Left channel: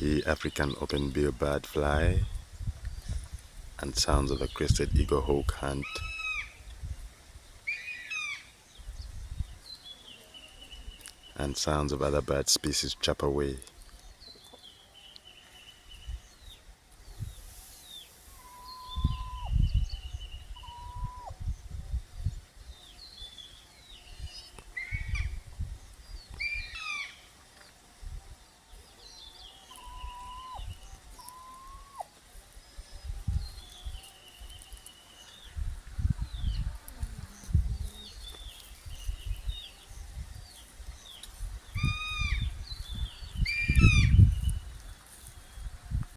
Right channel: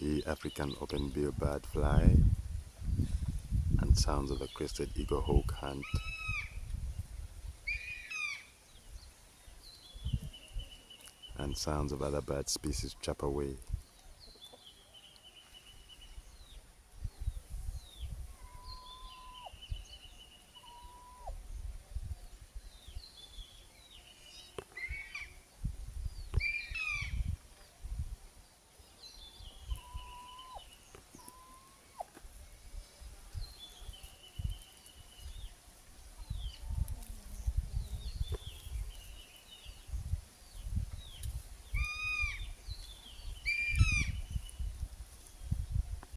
The African open-bill bird fly, and sounds of a crested eagle hawk hunt, and sounds of other bird species chop away.